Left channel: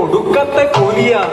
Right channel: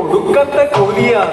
ഒടുക്കത്തെ കൂലിയാണ്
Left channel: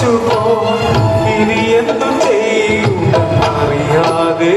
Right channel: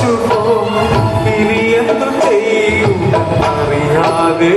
പകച്ചു ഇനി എന്തു ചെയ്യും അറിയാതെ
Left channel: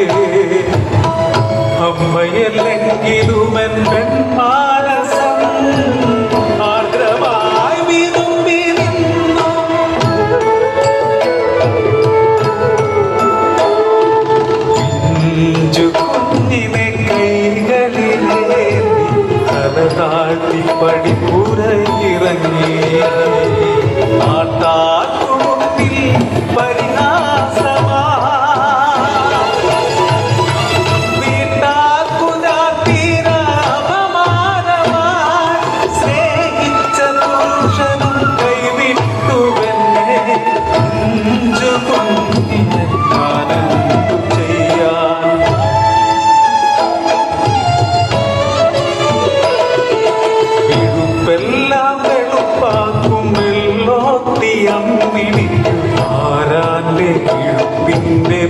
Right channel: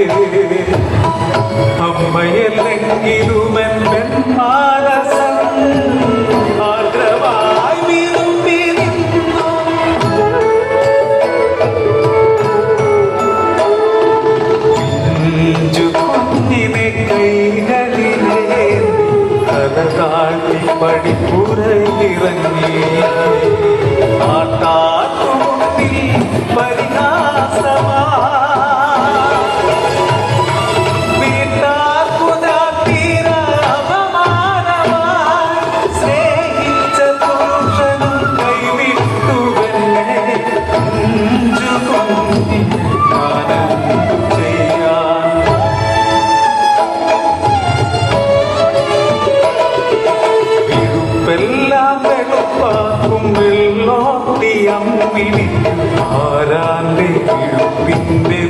me.